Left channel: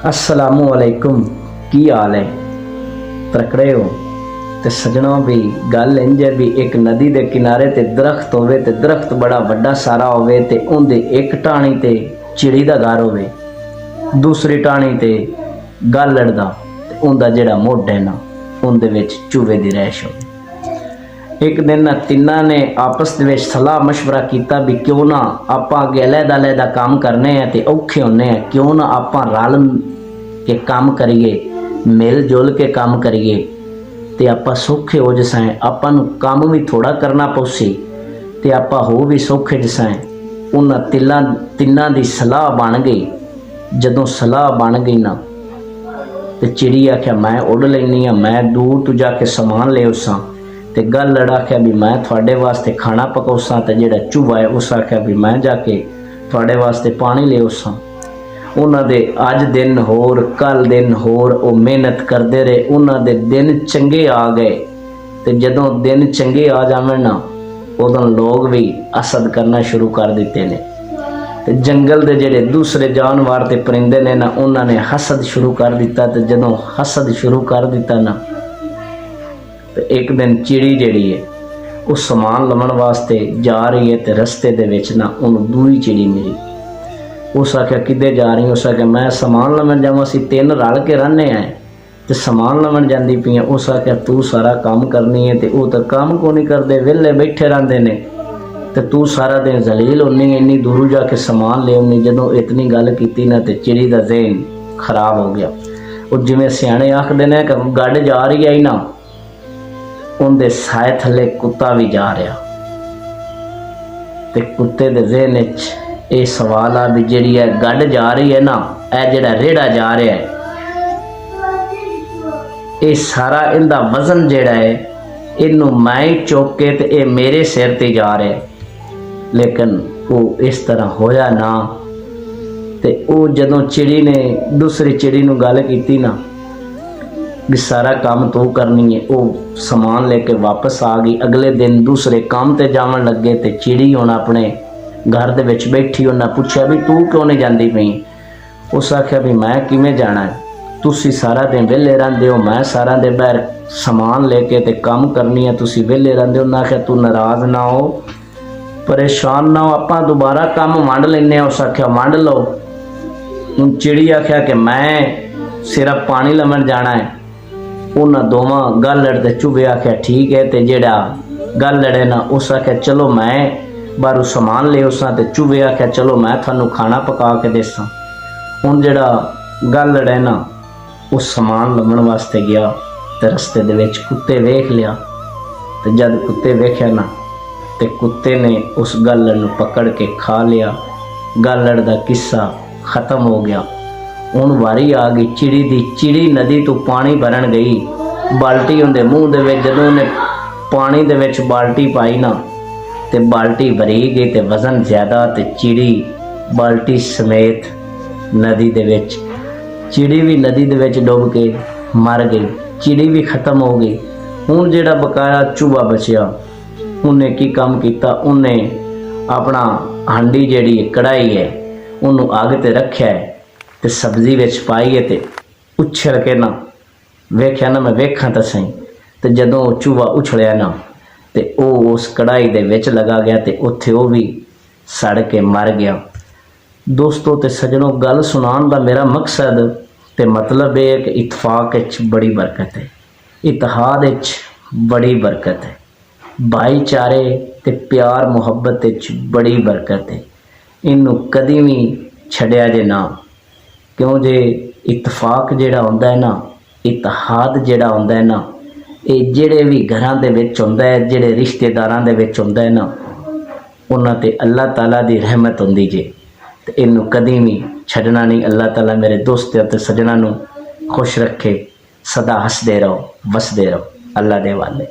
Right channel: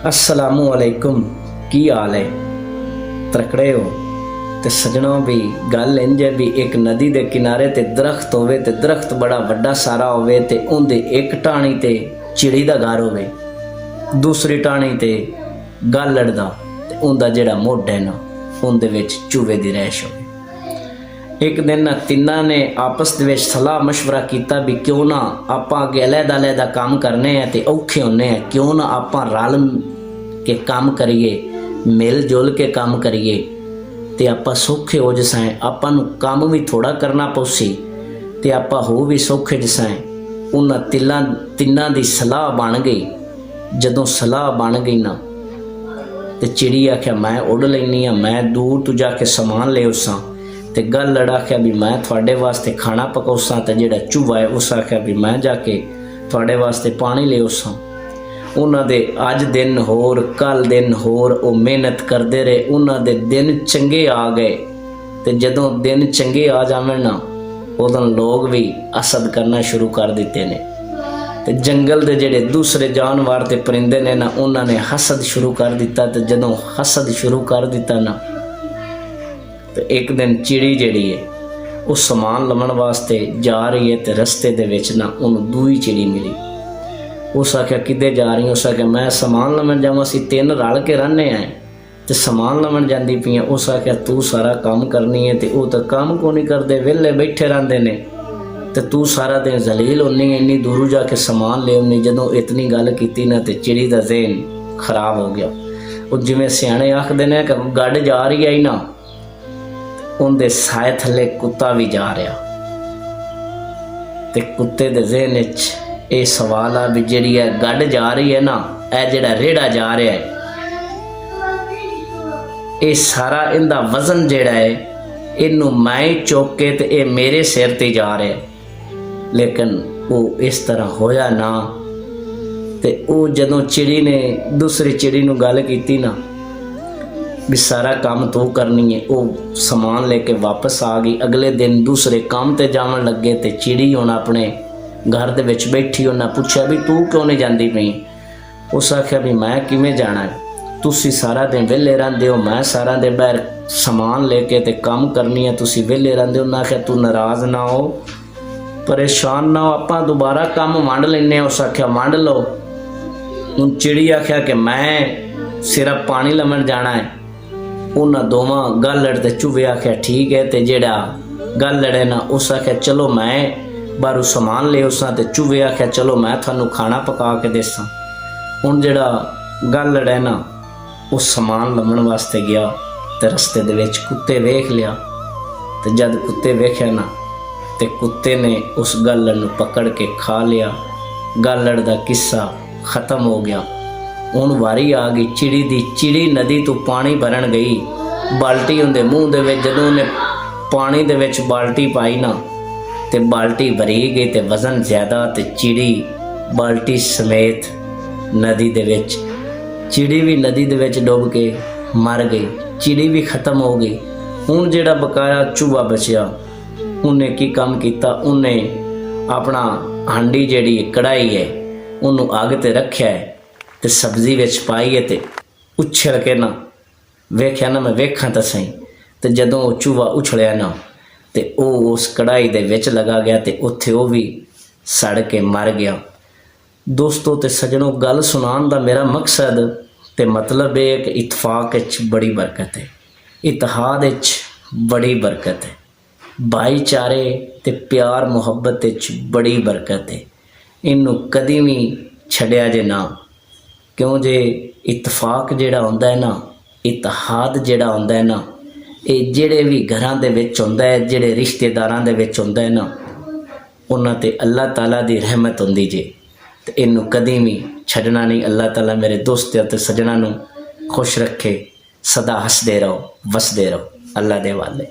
अस्सलामु अलैकुम। की हाल है? तकड़े हो? ते सजना भी गल इंज है भी एक नदी के किनारे ते दरख्त होवे ते दरख्त बड़ा वड्डा सारा होवे ते उनदे एक टाणी ते चिड़ी दा घर होवे, दूसरी टाणी ते गालड़ दा ते उनदा जेड़ा मुढ़ है ना उनदे विच चूहे दी रैश होवे। एक दिन ना तिन्ना ने आपस दे विच सलाह मशवरा किया भी क्यों ना आपां अगे अलहदा अलहदा काम करने हैं ते औखे होने हैं, क्यों ना आपां रल के काम करिए, मिल जुल के काम करिए ते आपां सौखे हो जसाएं। आपां नूं काम भी थोड़ा करना पौसी ते आपां हो भी सौखे जसाएं। उन्हां तिन्ना दी सलाह बन गई। जदों सलाह बन गई ना ते चिड़ी आख्या मैं उड़ लैनी हाँ, मैं दूर तू जाके समान ले उसां। ते गालड़ आख्या भी मैं थोड़े वास्ते खाना पकाउसां। ते जेड़ा चूहा है उस आख्या भी मैं जाके थोड़े वास्ते पानी ले उसां। उन्हां दे अज दिन होर कल दिन होर वो मेहनत करते रहे। उन्हां दे दिन चंगे आ गए ते जदों दिन चंगे आ जावे ना उदों लोग भी हसद करना शुरू कर दिते ने। ते जंगल दे जेड़े दूसरे जानवर ते परिंदे ने ना उन्होंने हसद शुरू कर दिता। ते जदों हसद शुरू कर दिता ना तो एक दिन चिड़ी जिहड़ी है वो समान लवन वास्ते जा रही है ते रस्ते दे विच ना उन्होंने दूई चिड़ी मिली। उस आख्या किधे जा रही? उस आख्या मैं समान लवन जावां, असीं तीन रल के रहने हैं ते समान लवन जांदी पई है। उस आख्या तू सारा काम करनी है ते वो तो काम को नहीं करते, वेले बैठे रहंदे ने ते तू सारा दिन जलील होनी, इन्नी दूर जाके समान ले आउनी। जदों इतनी गल कीती ना ते चिड़ी दा ज़हन खराब हो गया। वो जिवें सियाणे आखदे ने कि गड्ड जा रही है ना उनके साए थले कुत्ता भी जा रहा ते कुत्ते दे ज़हन विच ये सवाल आ भी जिहड़ी है गड्ड जा रही है ना, यह जिहड़ा रेड़ा जा रहा है ये सारा इनका वजन जिहड़ा है इनू मैं चुक के ते ये मेरे सिर ते जा रहा है। लेकिन वो इस तरह होया ना ते वो जदों चिड़ी ने दूसरी चिड़ी नूं गल कीती ना भी सारा काम तो करनी है, वो समान लेके वापस आ गई। अगले दिन दूसरे काम ते जावन लगे ते चिड़ी हुण अपने घर दे विच बैठी। उन्हें पूछा भी तू क्यों नहीं जाती पई? उस आख्या भी मैं किवें जाना है, तुसी सारा दिन वेले रहंदे हो, मैं सारा दिन बाहर समान लेके ते काम करनी है, तुसी वेले रहंदे हो। उन्हें आख्या तू नाराज़ ना हो, परेशान ना हो, आपां दोबारा काम वंड लैने। उस आख्या वंड लो। हुण चिड़ी आख्या कि मैं सिर्फ पानी लवन जाना है। उन्होंने दोवां गालड़ ते चूहे आख्या ठीक है। ते जेड़ा गालड़ है ना उस आख्या चलो मैं बाहरों समान ले उसां। ते चूहे आख्या चलो मैं थानू खाना पका के देसां। हुण जेड़ा गालड़ है ना उस समान लवन वास्ते गया ते रस्ते दे विच कुत्ते वेख लिया। ते जद कुत्ते वेख्या ना ते कुत्ते ने उस गालड़ नू पकड़ के खा लिया। गालड़ दा किस्सा खत्म हो गया। हुण वारी आ गई चिड़ी दी। चिड़ी नदी तो पानी भरन गई, बाल्टी उनके मूँह दे विच जदों उन्हें पानी दे विच बाल्टी पाई ना ते बाल्टी भरी गई ते वजन ज़्यादा ते चिड़ी बाल्टी समेत नदी दे विच। चिड़ी भी नदी दे विच डुब के मर गई, चिड़ी भी खत्म हो गई। हुण जिहड़ा बकाया चूहा बचिया उन्हें की काम किया, उन्हें अपना हांडी जिहड़ी कढ़ाई है उन्होंने अग ते रखिया है ते सब्जी विच पाई है ते उछल के ना वेख्या ना मैं वेखा तो सही। तो जदों चूहा उछलिया ना तो वह उस कढ़ाई दे विच लगा गया ते उत्थे वो भी सड़ के मर गया। दोस्तों ते सजनों गल सुनान दा मेरा मकसद ते मतलब ये है कि इतफाक विच बड़ी बरकत है, इतिहाद विच बड़ी बरकत है, भाईचारे ते प्यार मुहब्बत विच बड़ी बरकत है। इनू कदी भी छड्या जे ना, क्यों जे इतफाक जिहड़ा हुंदा है ना, इतिहाद जिहड़ा हुंदा है ना, ये जिहड़े भी घरां दे विच हुंदा है, जिहड़े रिश्तेदारां दे विच हुंदा है ना, उन्हां ते अल्लाह ताला दी रहमत हुंदी जे। ते इनू कदी भी छड्डना नहीं। अल्लाह ताला मेरे दोस्तां ते सज्जनां नूं खुश रखे, सदा हसदे रहो, वसदे रहो। अल्लाह दे वाले।